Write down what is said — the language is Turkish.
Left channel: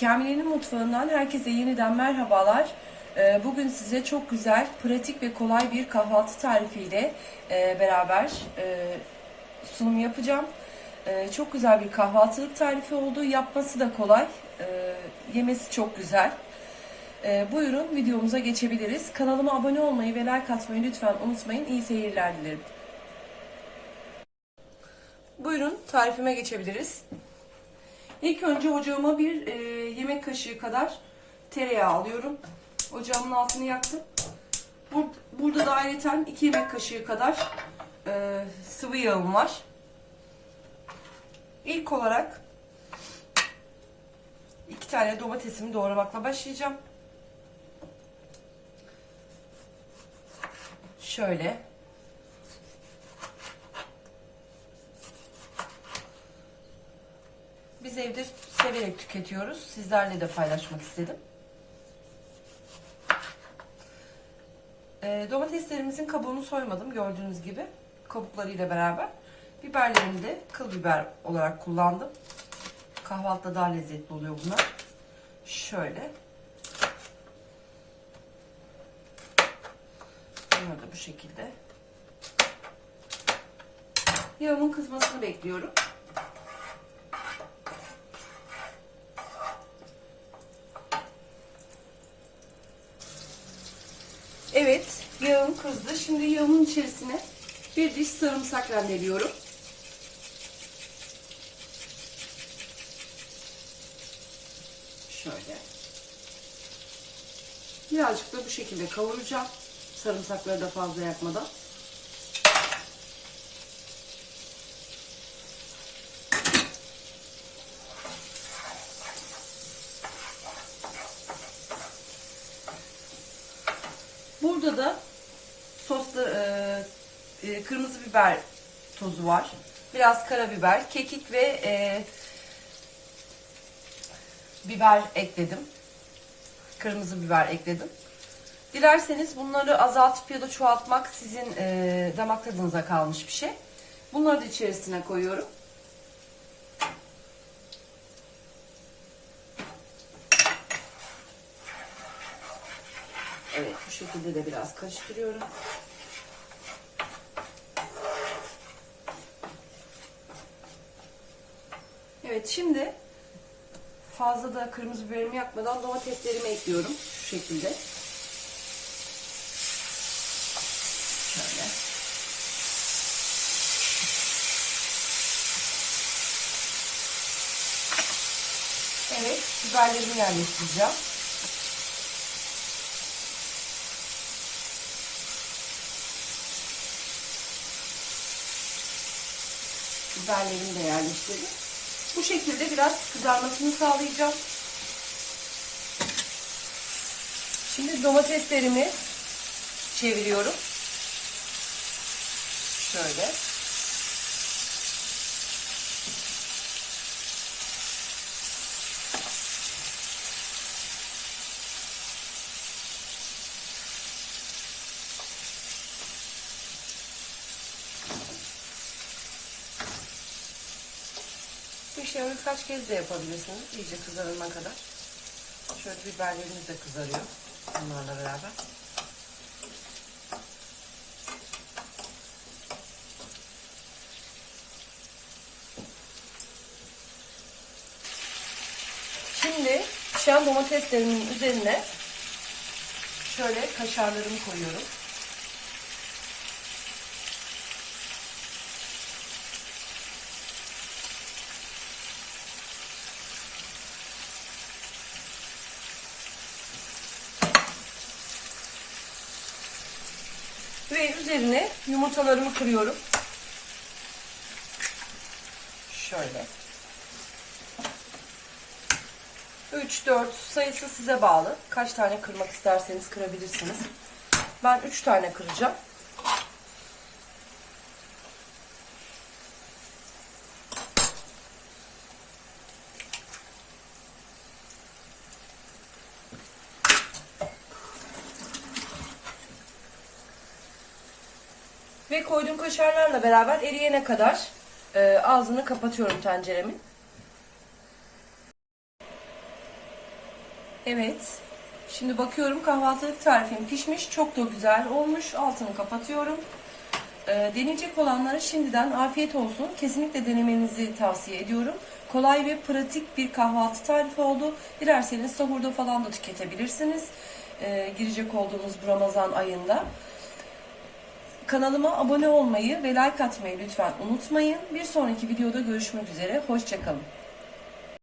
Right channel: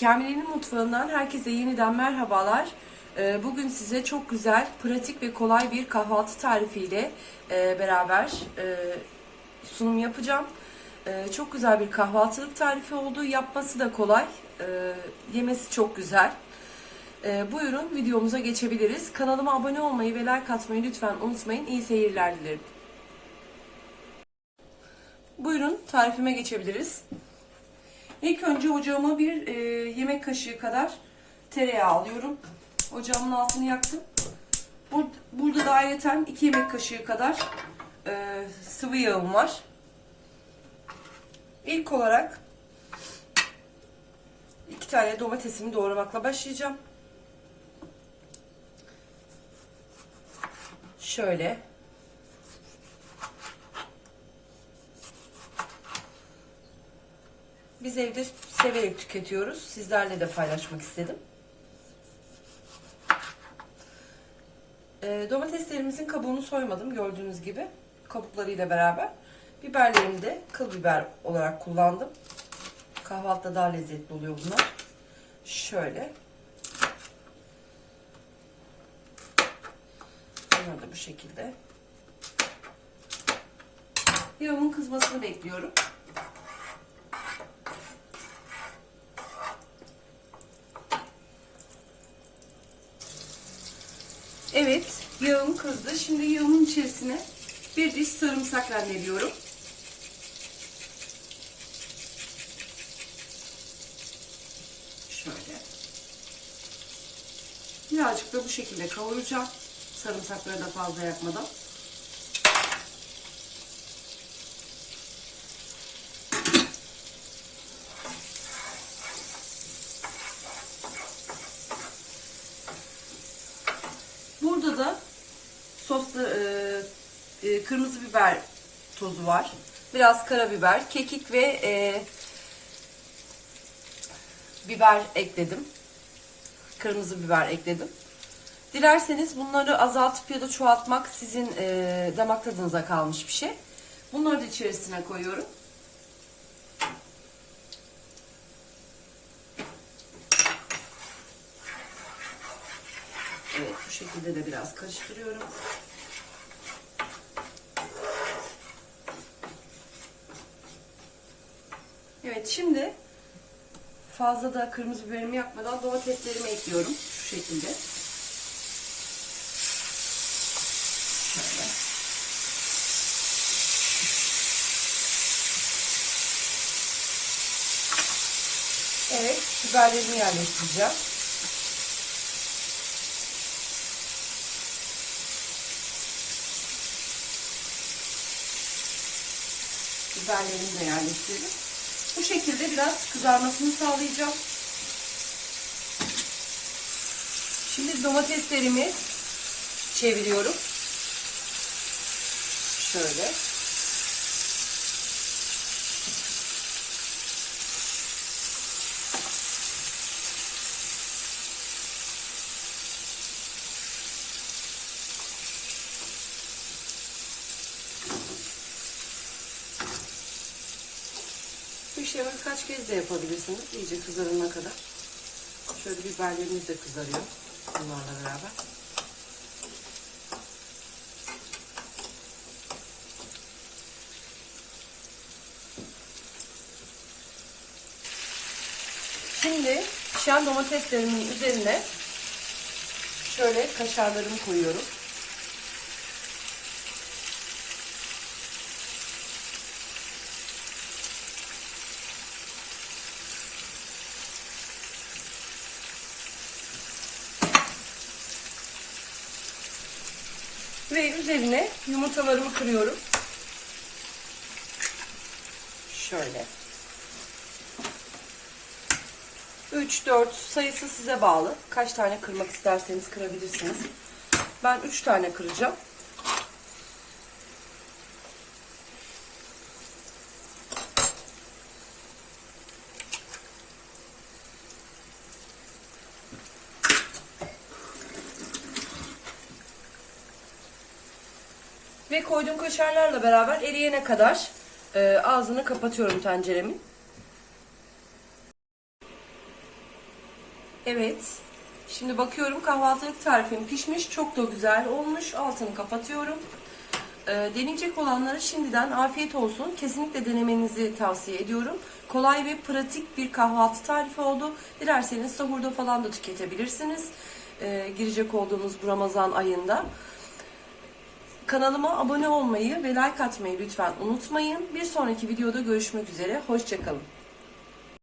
Kamile'nin mutfağından herkese yeniden merhabalar. Ee, Bugün size çok güzel, pratik ve kolay bir kahvaltı tarifiyle e, beraber e, sunum yapacağım. E, Çok güzel bir kahvaltılık tarifi oldu. Yapması da kolay, yemesi çok güzel. Buyurun videomuza geçebiliriz. Kanalıma abone olmayı ve like atmayı lütfen unutmayın. İyi seyirler dilerim. Buyurun tarifime geçebiliriz. İlk önce ocağıma bir e, yemek kaşığı kadar tereyağı alıyorum. Ocağımın altını yaktım. Bur burada da ayrıca 2 yemek kaşığı kadar e, sıvı yağım var. İlk olarak iki tane domatesimi doğramakla başlayacağım. Şöyle. Biz evde severek tüketiyoruz. Sizlerle de paylaşmak istedim. E, domateslerimizin kabuğunu soymadım gördüğünüz gibi. Kabuklarıyla beraber. Biberlerimi de kıl biber olarak kullandım. Kahvaltıda daha lezzetli oluyor bunlar. Şöyle. Bunları da bu şekilde. Yağımın kızmasını bekliyorum. Evet, yağım kızdı. Şimdi yağımın içerisine bir diş sarımsak rendeliyorum. Şöyle. Birazcık da bu şekilde kavuracağım. Sarımsakları da fazla yakmadan. Burada da soslu e, e, kırmızı biber tozu var. Biraz karabiber, kekik ve e, biber ekledim. Kırmızı biber ekledim. Dilerseniz bunları azaltıp ya da çoğaltmak sizin e, damak tadınıza kalmış bir şey. Bunları da içerisine koyuyorum. Evet bu şekilde de biraz karıştırıyorum. Evet şimdi fazla da kırmızı biberimi yakmadan domateslerimi ekliyorum şu şekilde. Evet biberlerimi yerleştireceğim. Biberlerimi de yerleştirdim. Bu şekilde biraz kızarmasını sağlayacağım. Şimdi domateslerimi çeviriyorum. Şöyle. İşlemi birkaç kez de yapabilirsiniz. İyice kızarana kadar. Şöyle biberlerimiz de kızarıyor. Bunlarla beraber. Şimdi pişen domateslerimin üzerine şöyle kaşarlarımı koyuyorum. Ve üzerine yumurtalarımı kırıyorum. Şöyle. 3-4 sayısı size bağlı. Kaç tane kırmak isterseniz kırabilirsiniz. Ben 3 tane kıracağım. Ve koyduğum kaşarlarla beraber eriyene kadar e, ağzını kapatıyorum tenceremin. Evet. Şimdi bakıyorum kahvaltılık tarifim pişmiş. Çok da güzel olmuş. Altını kapatıyorum. Ee, deneyecek olanlara şimdiden afiyet olsun. Kesinlikle denemenizi tavsiye ediyorum. Kolay ve pratik bir kahvaltı tarifi oldu. Dilerseniz sahurda falan da tüketebilirsiniz. Ee, girecek olduğumuz bu Ramazan ayında. Kanalıma abone olmayı ve like atmayı lütfen unutmayın. Bir sonraki videoda görüşmek üzere. Hoşçakalın.